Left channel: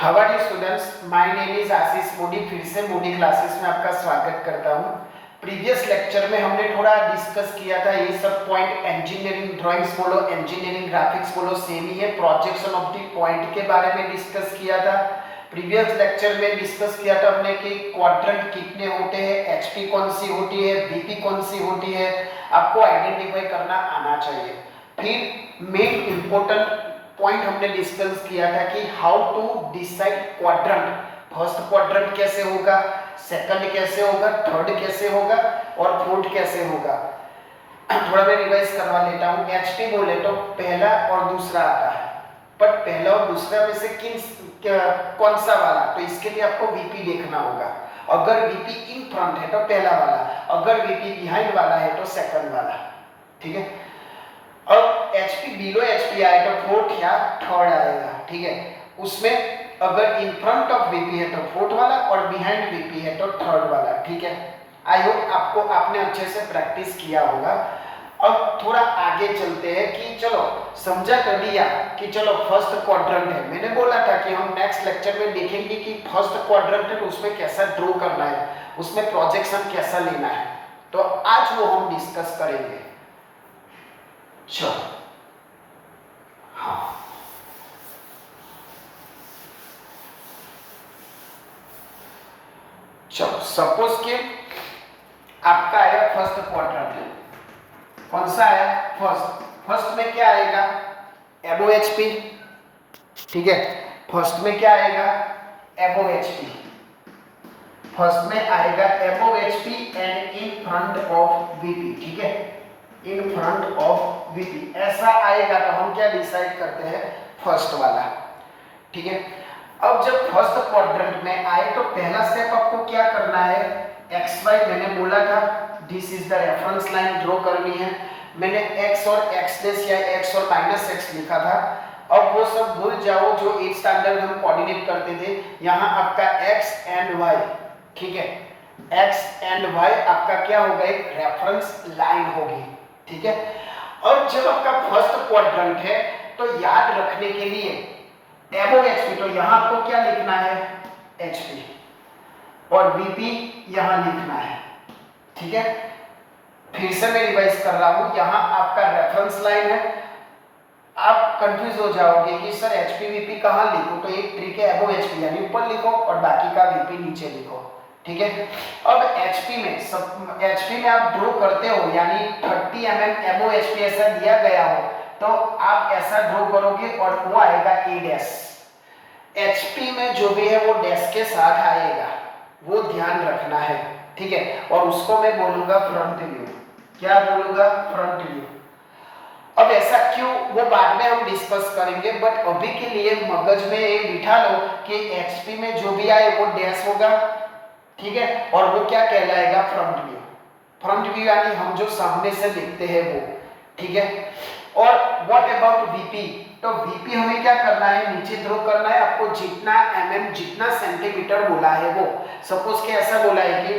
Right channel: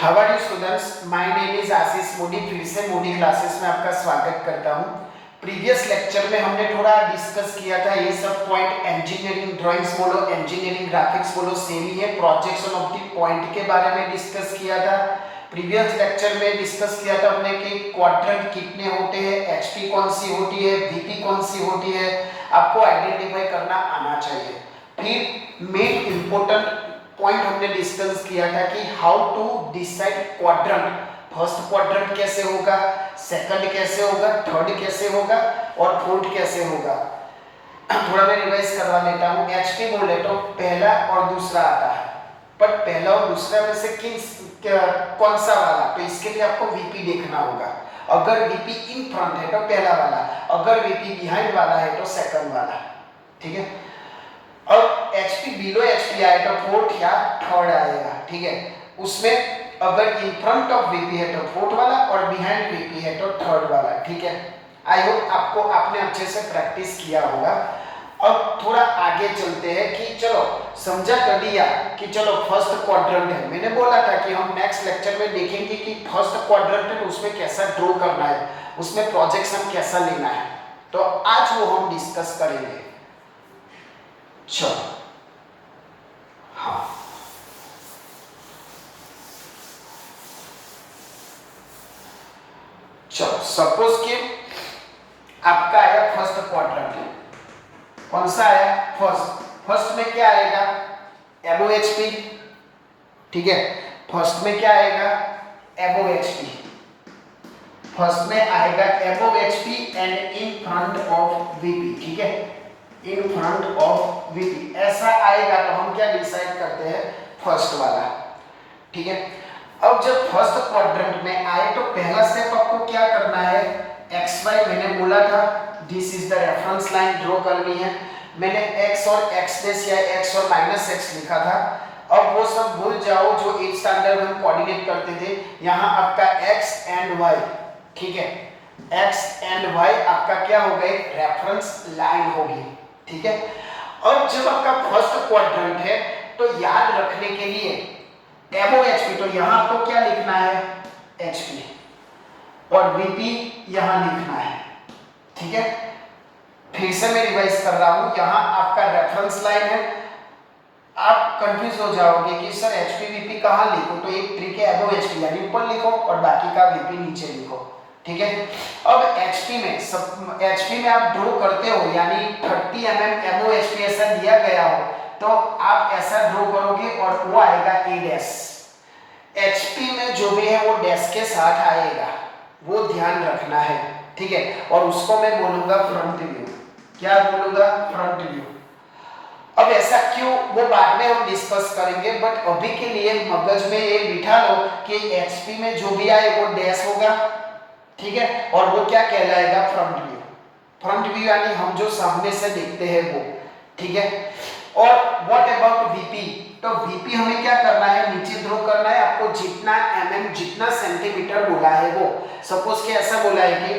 How are you students, my name is Ashish Modi. फिर से Modi classes में आपका स्वागत करता हूं। प्रीवियस लेक्चर में हमने थोड़ा डिस्कस किया था ये सब पॉइंट, इंजीनियरिंग ड्राइंग्स बोलो, इंजीनियरिंग ग्राफिक्स बोलो, सेम ही है। प्रोजेक्शन ऑफ द पॉइंट के बारे में डिस्कस किया था। प्रीवियस लेक्चर में डिस्कस किया था हमने कि क्वाड्रेंट कितने होते हैं, एचपी कौन सी होती है, वीपी कौन सी होती है, आपको आइडेंटिफाई करना आना चाहिए। फिर मेन इंपॉर्टेंट पॉइंट हमने डिस्कस किया था कि how to decide quadrant. First quadrant कैसे होगा, सेकंड कैसे होगा, थर्ड कैसे होगा और फोर्थ कैसे होगा। थोड़ा मैं रिवाइज करवा लेता हूँ। एचपी बोले तो पहला और दूसरा आता है, पर पहला और दूसरा में से कौन सा वाला, तो इसके लिए आपको वीपी देखना होगा। अगर वीपी इन फ्रंट है तो पहला वाला, अगर वीपी बिहाइंड वाला है तो सेकंड वाला। ठीक है। अब एचपी बिलो एचपी आए तो फोर्थ या थर्ड आएगा। ठीक है। उसमें अगर इन फ्रंट ऑफ वीपी है तो फोर्थ वाला और बिहाइंड वीपी है तो थर्ड वाला। ठीक है। आई होप आपने अच्छे से प्रैक्टिस किया होगा। अब थोड़ा आगे चलते हैं कि चलो समझा कर दिया कि चलो फर्स्ट क्वाड्रेंट है। मैंने बोला था कि हम नेक्स्ट लेक्चर में देखेंगे कि फर्स्ट क्वाड्रेंट है उसमें कैसा ड्रॉ करना है, उसमें प्रोजेक्शन कैसा लेना है। तो आज वो हम डिस्कस करेंगे। चलो हाँ, चलो सपोज कि आपका आया फर्स्ट क्वाड्रेंट। कौन सा आया? फर्स्ट में क्या आएगा? एबो एचपी। ठीक है। फर्स्ट में क्या आएगा? एबो एचपी। फर्स्ट में आएगा एबो HP and in front of VP. ठीक है। इन फ्रंट ऑफ वीपी ऐसा आएगा तो हम क्या डिसाइड करते हैं? फर्स्ट वाला। ठीक है। अब जब फर्स्ट क्वाड्रेंट में आए तो पहला स्टेप आपको क्या करना है? एक्स वाई मैंने बोला था, this is the reference line draw करनी है। मैंने एक्स और एक्स डेस या एक्स और माइनस एक्स लिखा था। अब वो सब भूल जाओ जो 8th स्टैंडर्ड हम कोऑर्डिनेट करते थे। यहाँ आपका एक्स एंड वाई। ठीक है। एक्स एंड वाई आपका क्या होगा? एक रेफरेंस लाइन होगी। ठीक है। और जब आपका फर्स्ट क्वाड्रेंट है तो याद रखने के लिए एबो एचपी, तो यहां आपको क्या लिखना है? एचपी। और वीपी यहां लिखना है। ठीक है। फिर से मैं रिवाइज कर रहा हूं। यहां आपका रेफरेंस लाइन है। आप कंफ्यूज हो जाओगे कि सर एचपी वीपी कहां लिखूं, तो एक ट्रिक है, एबो एचपी यानी ऊपर लिखो और बाकी का वीपी नीचे लिखो। ठीक है। अब एचपी में आप ड्रॉ करते हो यानी 30 mm एबो एचपी ऐसा दिया गया हो तो आप ऐसा ड्रॉ करोगे और वो आएगा ए डैश। एचपी में जो भी है वो डैश के साथ आएगा, वो ध्यान रखना है। ठीक है। और उसको मैं बोलूंगा फ्रंट व्यू। क्या बोलूंगा? Front view. अब ऐसा क्यों, वो बाद में हम डिस्कस करेंगे, बट अभी के लिए मगज में ये बिठा लो कि एचपी में जो भी आए वो डैश होगा। ठीक है। और वो क्या कहलाएगा? Front view. फ्रंट व्यू यानी हम जो सामने से देखते हैं वो। ठीक है। और व्हाट अबाउट वीपी? तो वीपी हमें क्या करना है? नीचे ड्रॉ करना है। आपको जितना mm जितना सेंटीमीटर बोला है वो, सपोज कि ऐसा बोला है कि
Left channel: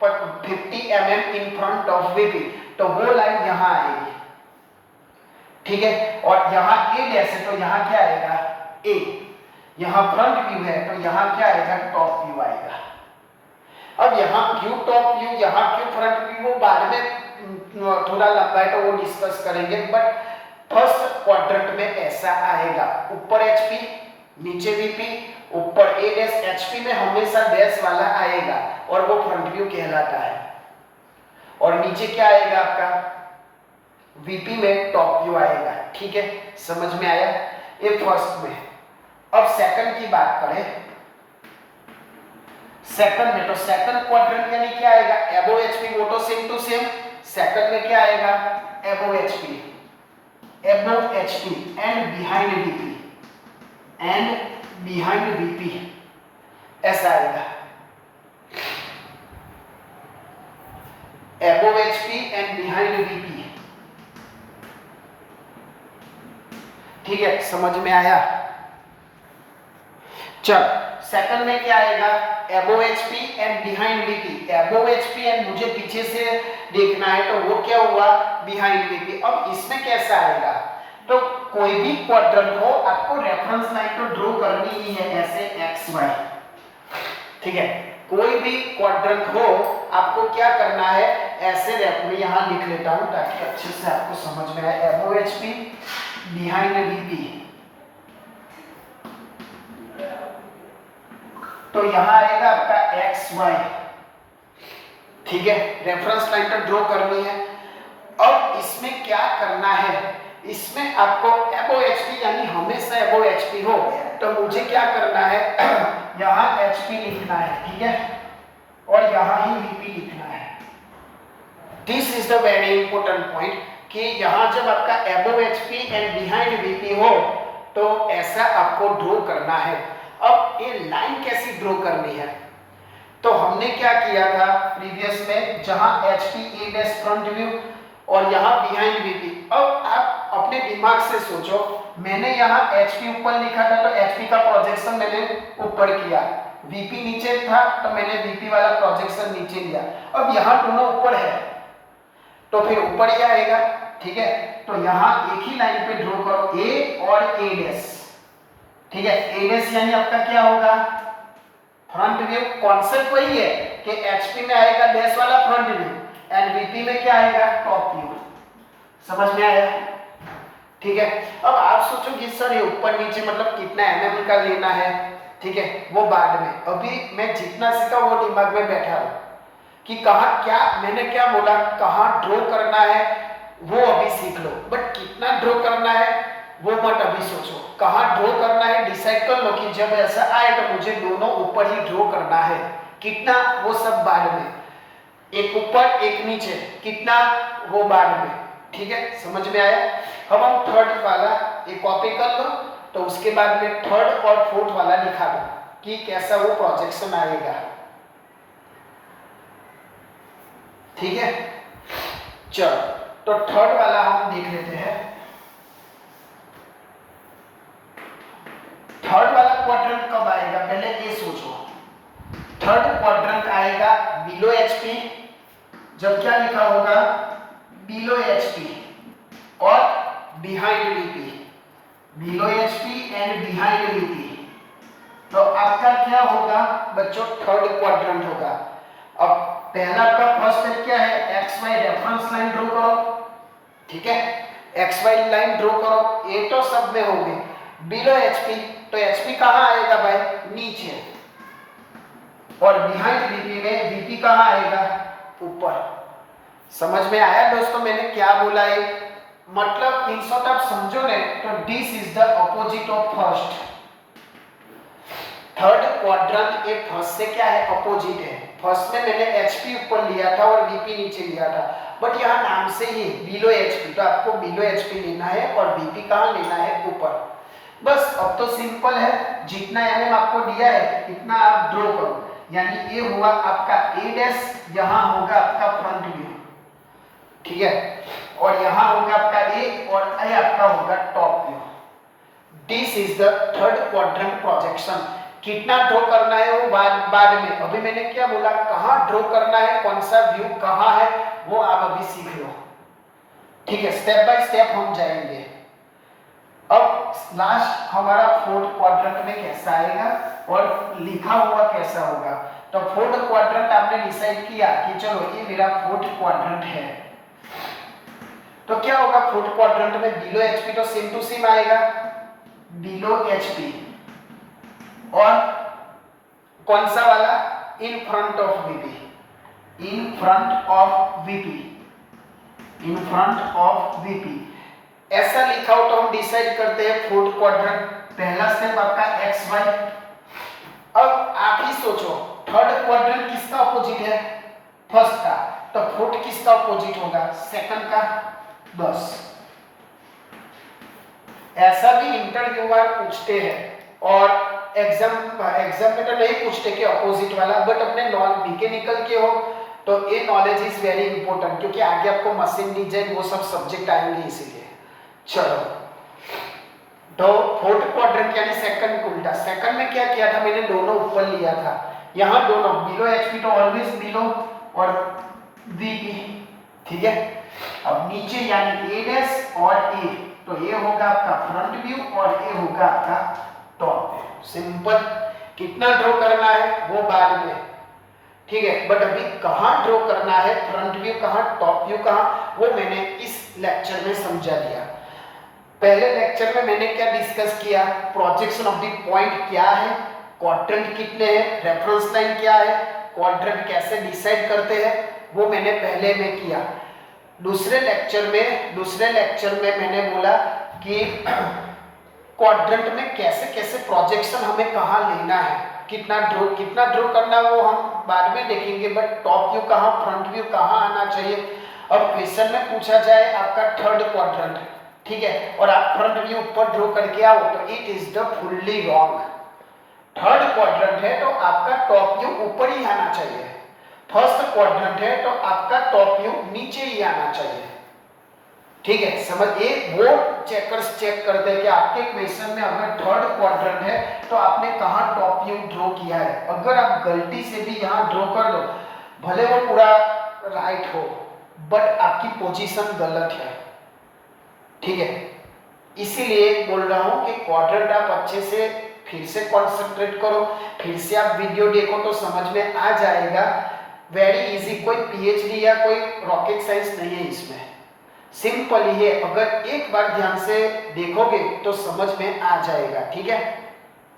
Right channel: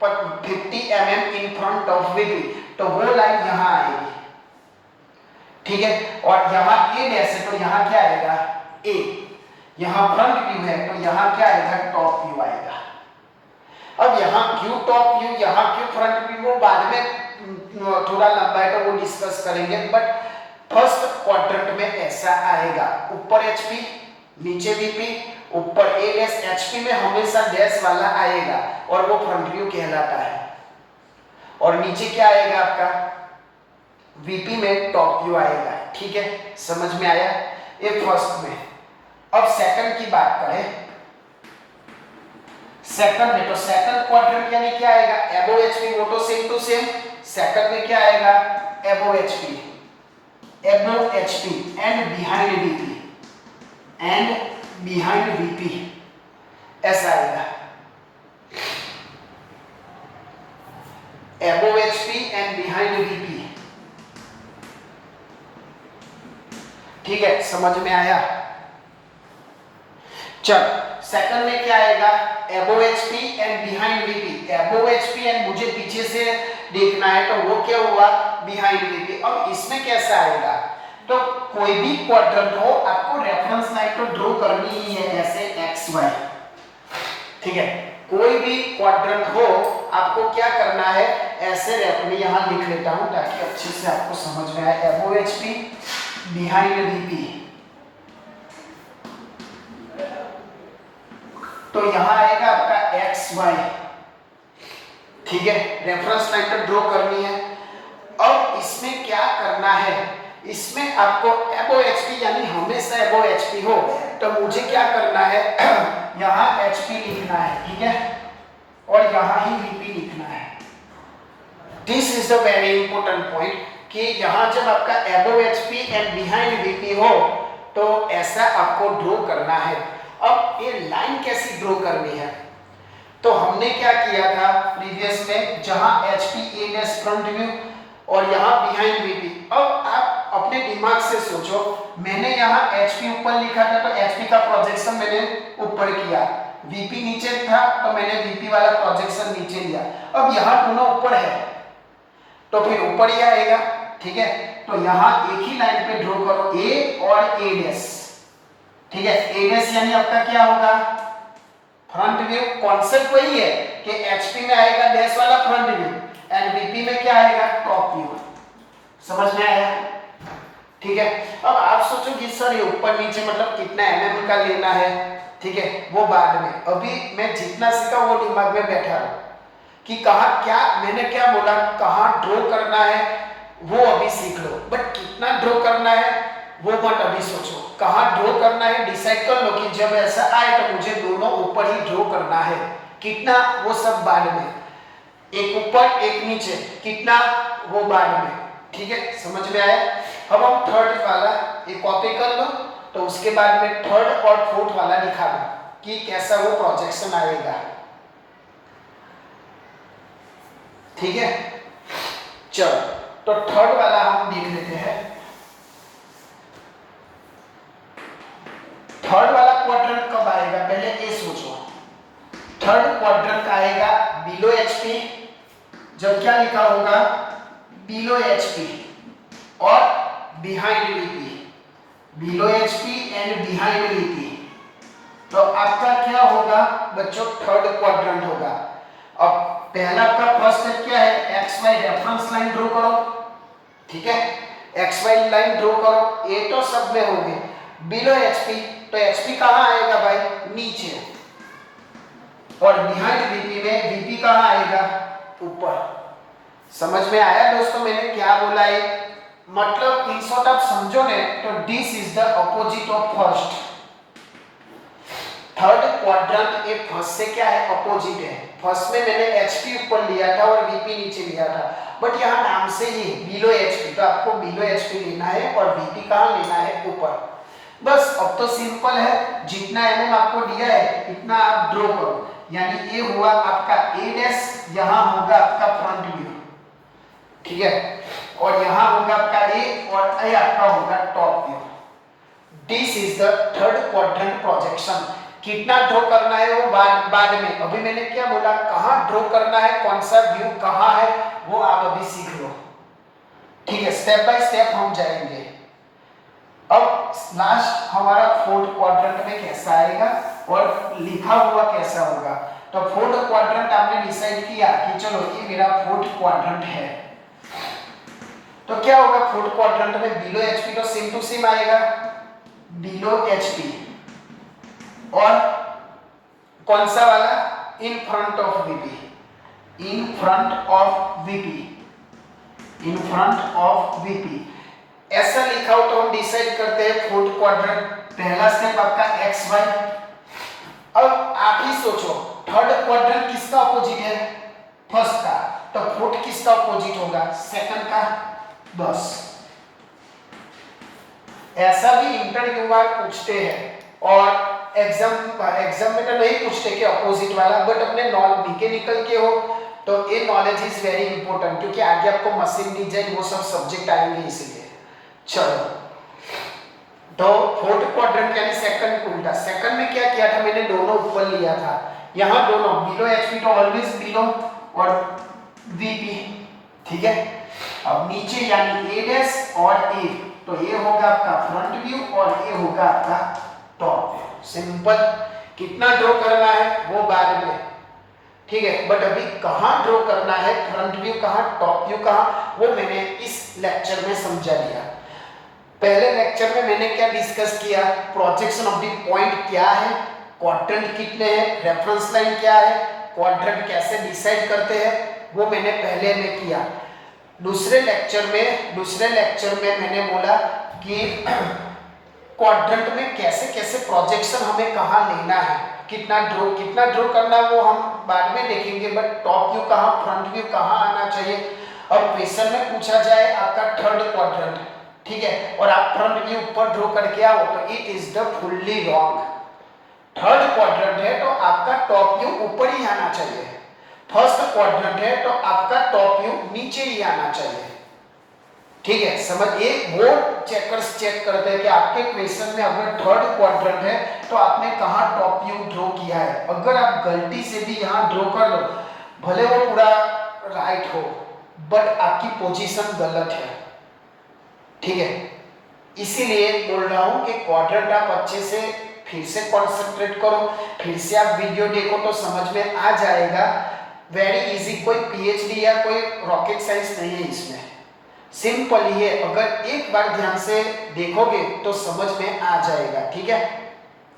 50 mm in front of VP, तो वो लाइन यहां आएगी। ठीक है। और यहां ए डैश है तो यहां क्या आएगा? ए। यहां फ्रंट व्यू है तो यहां क्या आएगा? टॉप व्यू आएगा। अब यहां क्यों टॉप व्यू, यहां क्यों फ्रंट व्यू, वो बाद में थोड़ा लंबा है तो वो डिस्कस करेंगे। बट फर्स्ट क्वाड्रेंट में ऐसा आएगा, ऊपर एचपी नीचे वीपी, ऊपर ए डैश। एचपी में हमेशा डैश वाला आएगा और वो फ्रंट व्यू कहलाता है। और नीचे क्या आएगा आपका? वीपी में टॉप व्यू आएगा। ठीक है। समझ में आया? ये फर्स्ट में। अब सेकंड की बात करें, सेकंड में तो सेकंड क्वाड्रेंट यानी क्या आएगा? एबो एचपी, वो तो सेम टू सेम। सेकंड में क्या आएगा? एबो एचपी। एबो HP and behind VP, and behind VP ऐसा आएगा। एबो एचपी एंड बिहाइंड वीपी। ठीक है। समझ में आया? चल सेकंड में क्या आएगा? एबो एचपी एंड बिहाइंड वीपी। एबो एचपी एंड मुझे पीछे से देखना है तो वो क्या हुआ? Behind VP. अब इसमें कैसा आएगा? तो कोई भी क्वाड्रेंट हो आपको रेफरेंस लाइन तो ड्रॉ करनी ही है ऐसे एक्स वाई, ठीक है। कोई भी क्वाड्रेंट हो आपको क्या करना है ऐसे मैं यहाँ लिख लेता हूँ ताकि अच्छे से आपको समझ में आए। अबव एचपी बिहाइंड वीपी, तो यहाँ आएगा आपका एक्स वाई, ठीक है। रेफरेंस लाइन पर ड्रॉ करनी है। अब इसमें क्या करना है, इसमें आपको अबव एचपी यानी हमेशा अबव एचपी हो तो मुझे क्या करना है यहाँ एचपी लिखना है, ठीक है, और यहाँ ही वीपी लिखना है। This is the very important point कि यहाँ जब आपका above HP and behind VP हो तो ऐसा आपको ड्रॉ करना है। अब ये लाइन कैसी ड्रॉ करनी है, तो हमने क्या किया था प्रीवियस में, जहां HP ए डैश फ्रंट व्यू और यहां बिहाइंड VP। अब आप अपने दिमाग से सोचो, मैंने यहां HP ऊपर लिखा था तो HP का प्रोजेक्शन मैंने ऊपर किया, VP नीचे था तो मैंने VP वाला प्रोजेक्शन नीचे लिया। अब यहां दोनों ऊपर है तो फिर ऊपर ही आएगा, ठीक है। तो यहां एक ही लाइन पे ड्रॉ करो A और A डैश, ठीक है। A डैश यानी आपका क्या होगा फ्रंट व्यू। कॉन्सेप्ट वही है कि एचपी में आएगा डैश वाला फ्रंट व्यू एंड वीपी में क्या आएगा टॉप व्यू। समझ में आया, ठीक है। अब आप सोचोगे सर ये ऊपर नीचे मतलब कितना mm का लेना है, ठीक है, वो बाद में। अभी मैं जितना सीखा वो दिमाग में बैठा हूं कि कहाँ क्या मैंने क्या बोला, कहाँ ड्रॉ करना है वो अभी सीख लो, बट कितना ड्रॉ करना है वो मत अभी सोचो। कहाँ ड्रॉ करना है डिसाइड कर लो कि जब ऐसा आए तो मुझे दोनों ऊपर ही ड्रॉ करना है, कितना वो सब बाद में, एक ऊपर एक नीचे कितना वो बाद में, ठीक है। समझ में आया। अब हम थर्ड वाला एक कॉपी कर लो तो उसके बाद में थर्ड और फोर्थ वाला दिखा दो कि कैसा वो प्रोजेक्शन आएगा, ठीक है। चलो तो थर्ड वाला हम देख लेते हैं। थर्ड वाला क्वाड्रेंट कब आएगा पहले ये सोचो। थर्ड क्वाड्रेंट आएगा बिलो एचपी, जब क्या लिखा होगा बिलो एचपी और behind VP, below HP and behind VP. तो आपका क्या होगा बच्चों थर्ड क्वाड्रेंट होगा। अब पहला आपका फर्स्ट स्टेप क्या है, x y reference line draw करो, ठीक है। एक्स वाई लाइन ड्रॉ करो, ये तो सब में होंगे। बिलो एचपी तो एचपी कहां आएगा भाई नीचे, और बिहाइंड वीपी में वीपी कहां आएगा ऊपर। समझ में आया दोस्तों मैंने क्या बोला है, मतलब इन शॉर्ट आप समझो ने तो this is the opposite of first. Third quadrant ये फर्स्ट से क्या है अपोजिट है। फर्स्ट में मैंने एचपी ऊपर लिया था और वीपी नीचे लिया था, बट यहाँ नाम से ही बिलो एचपी, तो आपको बिलो एचपी लेना है और वीपी कहां लेना है ऊपर। बस अब तो सिंपल है, जितना एमएम आपको दिया है इतना आप ड्रॉ करो, यानी ये हुआ आपका ए डैश, यहाँ होगा आपका फ्रंट व्यू, ठीक है, और यहाँ होगा आपका ए और ये आपका होगा top view. This is the third quadrant projection. कितना ड्रॉ करना है वो बाद में, अभी मैंने क्या बोला कहाँ ड्रॉ करना है, कौन सा व्यू कहाँ है वो आप अभी सीख लो, ठीक है। स्टेप बाय स्टेप हम जाएंगे। अब लास्ट हमारा फोर्थ क्वाड्रेंट में कैसा आएगा और लिखा हुआ कैसा होगा। तो फोर्थ क्वाड्रेंट आपने डिसाइड किया कि चलो ये मेरा फोर्थ क्वाड्रेंट है, तो क्या होगा फोर्थ क्वाड्रेंट में बिलो एचपी तो सेम टू सेम आएगा, बिलो एचपी, और कौन सा वाला in front of VP, in front of VP, in front of VP. ऐसा लिखा हो तो हम डिसाइड करते हैं फोर्थ क्वाड्रेंट। पहला स्टेप आपका एक्स वाई। अब आप ही सोचो थर्ड क्वाड्रेंट किसका अपोजिट है फर्स्ट का, तो फोर्थ किसका अपोजिट होगा सेकंड का। बस ऐसा भी इंटरव्यू में पूछते हैं और एग्जाम में तो नहीं पूछते कि अपोजिट वाला, बट अपने नॉन मैकेनिकल के हो तो ये नॉलेज इज वेरी इंपॉर्टेंट, क्योंकि आगे आपको मशीन डिजाइन वो सब सब्जेक्ट आएंगे इसलिए। चलो तो फोर्थ क्वाड्रेंट यानी सेकंड को उल्टा। सेकंड में क्या किया था मैंने दोनों ऊपर लिया था, यहाँ दोनों बिलो एचपी तो ऑलवेज बिलो और वीपी, ठीक है। अब नीचे यानी ए डैश और ए, तो ये होगा आपका फ्रंट व्यू और ये होगा आपका टॉप व्यू। सिंपल। कितना ड्रॉ करना है वो बाद में, ठीक है, बट अभी कहाँ ड्रॉ करना है, फ्रंट व्यू कहाँ, टॉप व्यू कहाँ, वो मैंने इस लेक्चर में समझा दिया। पहले लेक्चर में मैंने क्या डिस्कस किया, प्रोजेक्शन ऑफ द पॉइंट क्या है, क्वाड्रेंट कितने हैं, रेफरेंस लाइन क्या है, क्वाड्रेंट कैसे डिसाइड करते हैं, वो मैंने पहले में किया। दूसरे लेक्चर में मैंने बोला कि क्वाड्रेंट में कैसे कैसे प्रोजेक्शन हमें कहाँ लेना है, कितना ड्रॉ करना वो हम बाद में देखेंगे, बट टॉप व्यू कहाँ, फ्रंट व्यू कहाँ आना चाहिए। और क्वेश्चन में पूछा जाए आपका थर्ड क्वाड्रेंट, ठीक है, और आप फ्रंट व्यू ऊपर ड्रॉ करके आओ तो it is the fully wrong. Third quadrant है तो आपका टॉप व्यू ऊपर ही आना चाहिए, फर्स्ट क्वाड्रेंट है तो आपका टॉप व्यू नीचे ही आना चाहिए, ठीक है। समझिए, वो चेकर्स चेक करते हैं कि आपके क्वेश्चन में अगर थर्ड क्वाड्रेंट है तो आपने कहाँ टॉप व्यू ड्रॉ किया है। अगर आप गलती से भी यहाँ ड्रॉ कर लो, भले वो पूरा राइट हो, बट आपकी पोजीशन गलत है, ठीक है। इसीलिए बोल रहा हूँ कि क्वाड्रेंट आप अच्छे से फिर से कॉन्सेंट्रेट करो, फिर से आप वीडियो देखो तो समझ में आ जाएगा। वेरी इजी, कोई पीएचडी या कोई रॉकेट साइंस नहीं है इसमें, सिंपल ही है। अगर एक बार ध्यान से देखोगे तो समझ में आ जाएगा, ठीक है।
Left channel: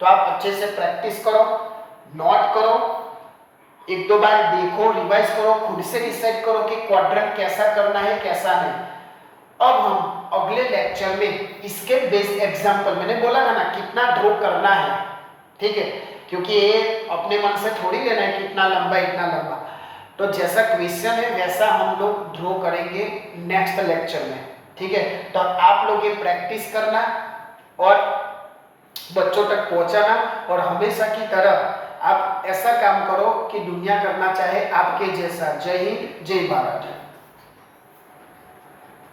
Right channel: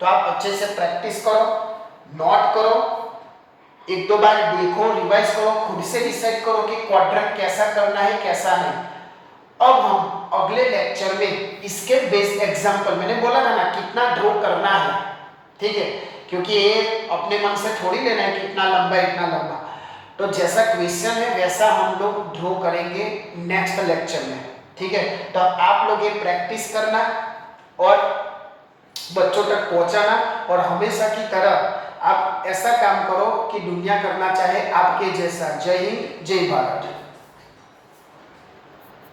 तो आप अच्छे से प्रैक्टिस करो, नोट करो, एक दो बार देखो, रिवाइज करो, खुद से डिसाइड करो कि क्वाड्रेंट कैसा करना है कैसा नहीं। अब हम अगले लेक्चर में इसके बेस एग्जांपल, मैंने बोला था ना कितना ड्रॉ करना है, ठीक है, क्योंकि ये अपने मन से थोड़ी लेना है कितना लंबा इतना लंबा। तो जैसा क्वेश्चन है वैसा हम लोग ड्रॉ करेंगे नेक्स्ट लेक्चर में, ठीक है। तो आप लोग ये प्रैक्टिस करना और बच्चों तक पहुंचाना, और हमेशा की तरह आप ऐसा काम करो कि दुनिया करना चाहे आपके जैसा। जय हिंद, जय भारत।